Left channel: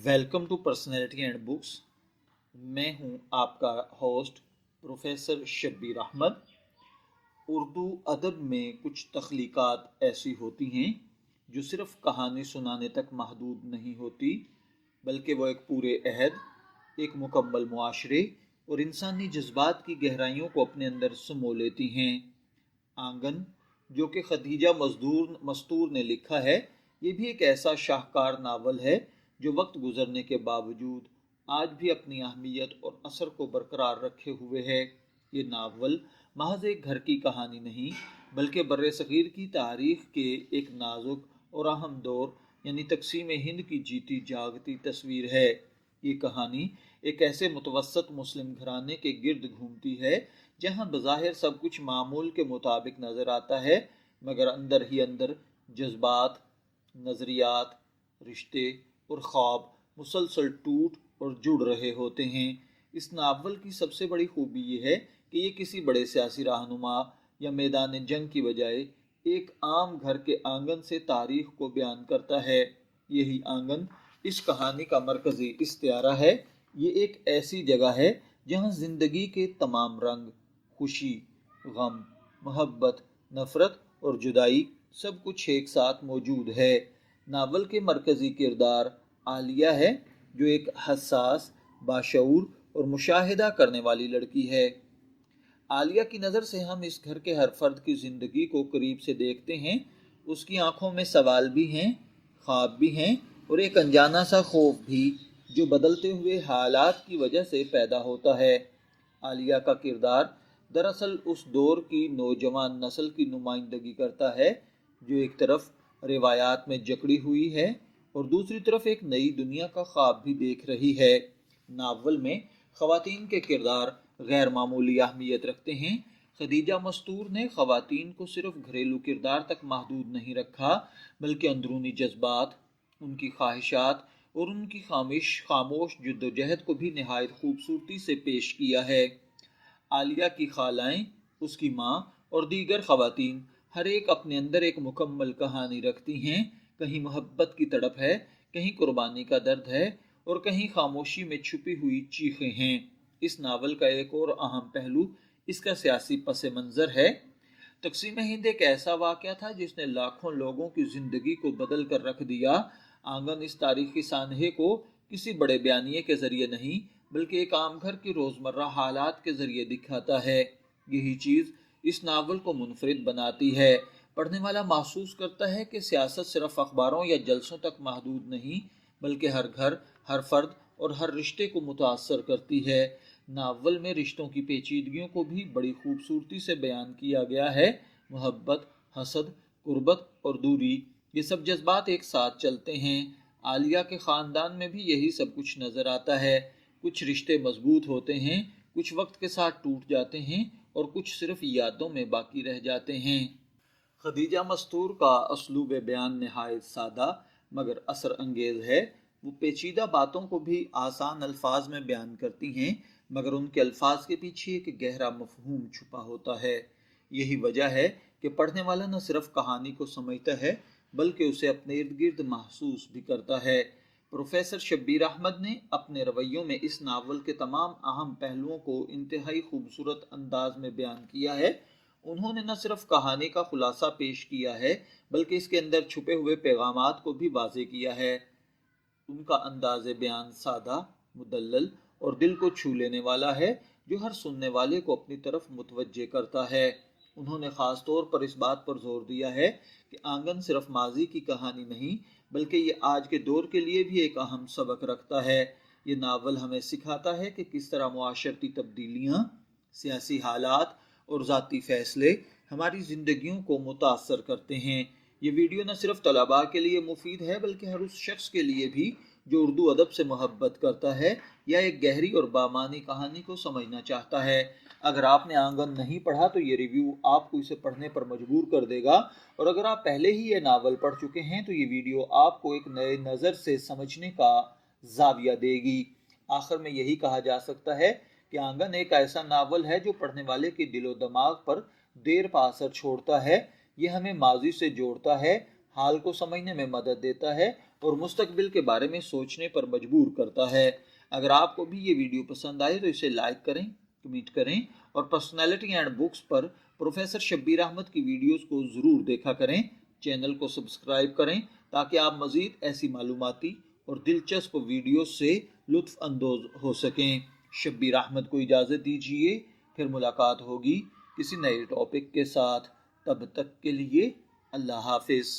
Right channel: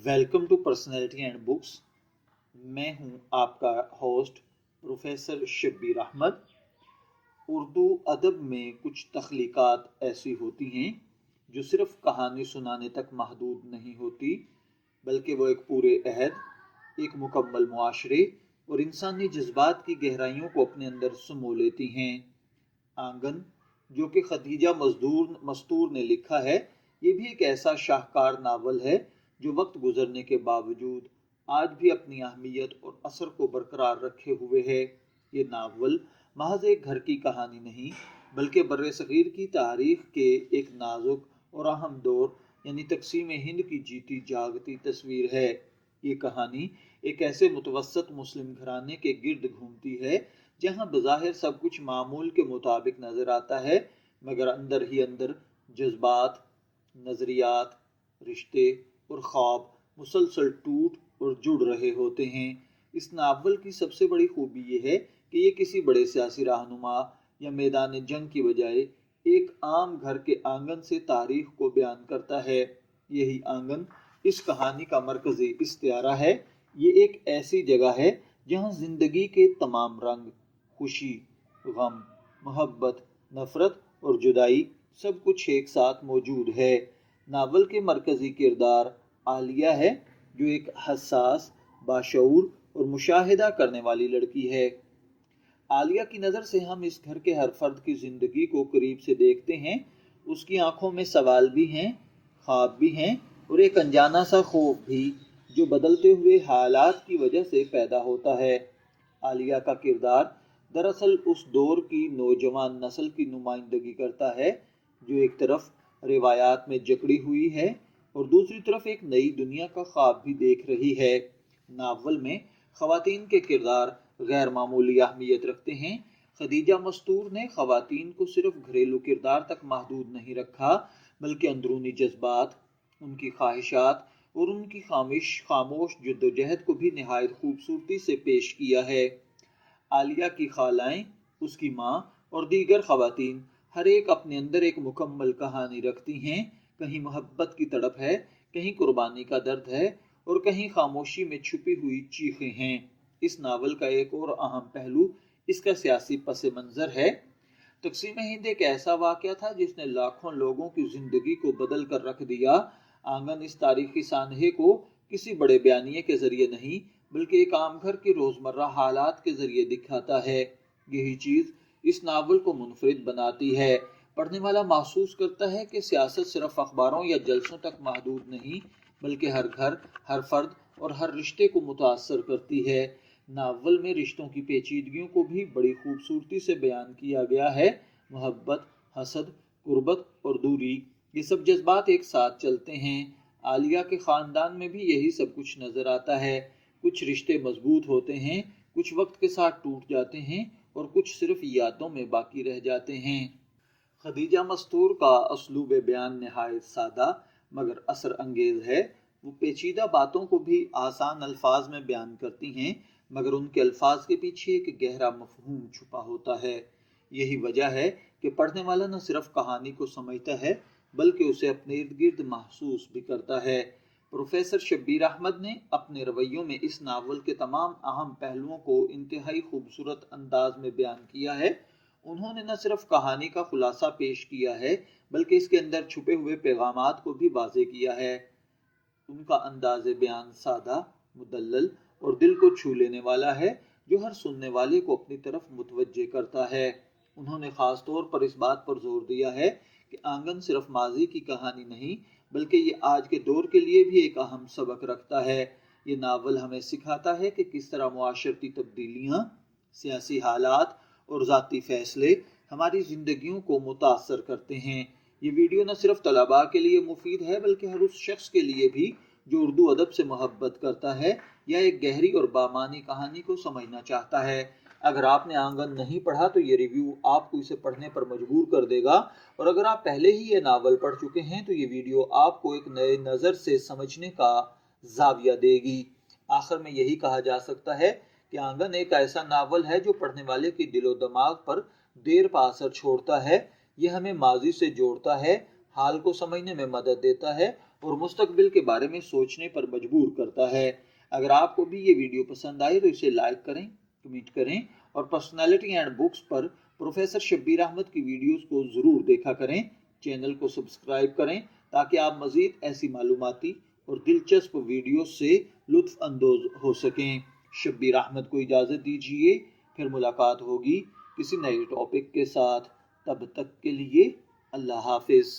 Welcome to personality and books. मैं हूं आपका होस्ट प्रोफेसर शब्बीर अहमद। उर्दू अदब में कुछ तख्लीक़ात ऐसी होती हैं जो सिर्फ़ कहानी सुनाने तक महदूद नहीं होती, बल्कि वो एक पूरे अहद, एक मुकम्मल मुआशरे और इंसानी जज्बात की गहराइयों को अपने अंदर समो लेती हैं। आंगन, जो कि खदीजा मस्तूर ने लिखा है, ये भी एक ऐसा शाहकार नावल है जो वक्त गुजरने के बावजूद आज भी अपनी अहमियत और असर को बरकरार रखे हुए है। ये नावल महज एक घर की कहानी नहीं, बल्कि बर्रे सग़ीर की तारीख़ के एक नाजुक और अहम दौर यानी तक़सीम हिंद की जीती जागती तस्वीर है। ये कहानी एक ऐसे मुतवस्सत मुस्लिम घराने के गिर्द घूमती है जहाँ बज़ाहिर सब कुछ मामूल के मुताबिक नज़र आता है, मगर अंदर ही अंदर जज्बात, नज़रियात, रिश्ते और ख्वाब मुसलसल टूट और जुड़ रहे होते हैं। इस नावल की सबसे बड़ी खूबी ये है कि ये किसी बड़े सियासी रहनुमा या मैदान जंग की बजाय एक आम घर के आंगन से तारीख को बयान करता है। यही आंगन इस कहानी का मरकज़ी इस्तियारा है। ये एक ऐसी जगह है जहाँ ज़िंदगी के तमाम रंग, खुशी, गम, मोहब्बत, नफ़रत और जुदाई सब कुछ एक साथ मौजूद है। नावल के मरकज़ी किरदार आलिया है, जो एक हसास, बाशऊर और मुशाहिदा करने वाली लड़की है। आलिया की नज़र से हम इस घर के हर फर्द की ज़िंदगी को करीब से देखते हैं। उसकी आंखों में सवाल भी हैं, ख्वाब भी हैं और एक अनजाना सा खौफ भी, जो बदलते हुए हालात की वजह से पैदा होता है। आलिया का किरदार दरअसल उस दौर की नौजवान नस्ल की नुमाइंदगी करता है, जो एक तरफ रिवायात में जकड़ी हुई है और दूसरी तरफ एक नई दुनिया का ख्वाब भी देख रही है। नावल में ख़वातीन के किरदार गैर मामूली अहमियत रखते हैं। खदीजा मस्तूर ने ख़वातीन को सिर्फ घरेलू किरदार तक महदूद नहीं रखा, बल्कि अंदरूनी जज्बात, उनकी ख्वाहिशात और उनकी खामोश जद्दोजहद को भी नहायत खूबसूरती से पेश किया है। आलिया की खालाएँ, उसकी माँ और दीगर ख़वातीन हर एक अपने अंदर एक मुकम्मल कहानी रखती हैं। कहीं मोहब्बत की तड़प है, कहीं कुर्बानी का दर्द है और कहीं खामोशी में छुपी हुई चीखें हैं। इस नावल का एक और अहम पहलू इसका सियासी पस मंज़र है। तक़सीम हिंद एक ऐसा वाक़या था जिसने लाखों लोगों की ज़िंदगी को बदल कर रख दिया। आंगन इस तारीख़ी सानहे को किसी बड़े बयानिए के ज़रिए नहीं, बल्कि एक आम घर के रोज़मर्रा हालात के ज़रिए दिखाता है। यही चीज़ इस नावल को मुनफरिद बनाती है। पढ़ने वाला महसूस करता है कि सियासत सिर्फ अखबारों या जलसों तक महदूद नहीं, बल्कि हर घर, हर फर्द और हर रिश्ते को मुतासर करती है। नावल में रिश्तों की पेचीदगियों को भी बड़ी खूबसूरती से बयान किया गया है। मोहब्बत, हसद, कुर्बत और दूरी, ये सब जज्बात एक साथ चलते हैं। आलिया के ख़ानदान में भी यही सब कुछ नज़र आता है। कुछ रिश्ते मजबूत होते हैं, कुछ वक्त के साथ टूट जाते हैं और कुछ सिर्फ यादों में बाकी रह जाते हैं। खदीजा मस्तूर का असलूब बयान नहायत सादा मगर असर अंगेज़ है। वो पेचीदा बातों को भी आसान अल्फाज में बयान करती हैं, मगर उनके अल्फाज के पीछे एक गहरा मफहूम छुपा होता है। यही वजह है कि पढ़ने वाला न सिर्फ कहानी को समझता है, बल्कि उसे अपने इर्द गिर्द महसूस भी करता है। प्रोफेसर शब्बीर अहमद ने अपने रवैयों में इस नावल के तमाम अहम पहलुओं को इंतहाई खूबसूरत अंदाज में बयान किया है। उन्होंने न सिर्फ कहानी का खुलासा पेश किया है, बल्कि इसके अंदर छुपे हुए पैगामात को भी वाज़ेह किया है। उनका अंदाज़ बयान सादा, मुदल्लल और दिल को छू लेने वाला है, जो हर सुनने वाले को अपनी तरफ मुतवज्जे करता है। उन्होंने ख़ास तौर पर इस बात पर जोर दिया है कि आंगन सिर्फ माजी की कहानी नहीं, बल्कि ये आज के दौर के लिए भी एक अहम सबक रखता है। ये नावल हमें सिखाता है कि किस तरह मुआशरती तब्दीलियाँ, सियासी हालात और ज़ाती फ़ैसले हमारी ज़िंदगियों को मुतासर करते हैं। ये वीडियो न सिर्फ तलबा के लिए मुफीद है, बल्कि हर उस शख्स के लिए भी जो उर्दू अदब से मोहब्बत करता है या एक गहरी और बामानी कहानी को समझना चाहता है। अगर आपने आंगन नहीं पढ़ा तो ये रिव्यू आपको इसे पढ़ने पर मजबूर कर देगा, और अगर आप पहले ही ये नावल पढ़ चुके हैं तो ये वीडियो आपको एक नए नज़र से समझने का जाविया देगी। आखिर में यही कहा जा सकता है कि आंगन एक ऐसा नावल है जो पढ़ने वाले के दिलो दिमाग पर देर पा असर छोड़ता है। ये हमें माजी से जोड़ता है, हाल को समझने में मदद देता है اور مستقبل کے بارے میں سوچنے پر مجبور کرتا ہے۔ اگر آپ کو بھی یہ ویڈیو پسند آئے تو اسے لائک کریں، کمنٹ کریں اور پرسنالٹی اینڈ بکس پر پروفیسر شبیر احمد کی ویڈیوز کو ضرور دیکھا کریں۔ چینل کو سبسکرائب کریں تاکہ آپ مزید ایسی معلوماتی اور دلچسپ ویڈیوز سے لطف اندوز ہو سکیں۔ شبیر احمد کو اجازت دیجیے، پھر ملاقات ہوگی کسی نئے ٹاپک کے ساتھ۔ تب تک کے لیے اللہ حافظ۔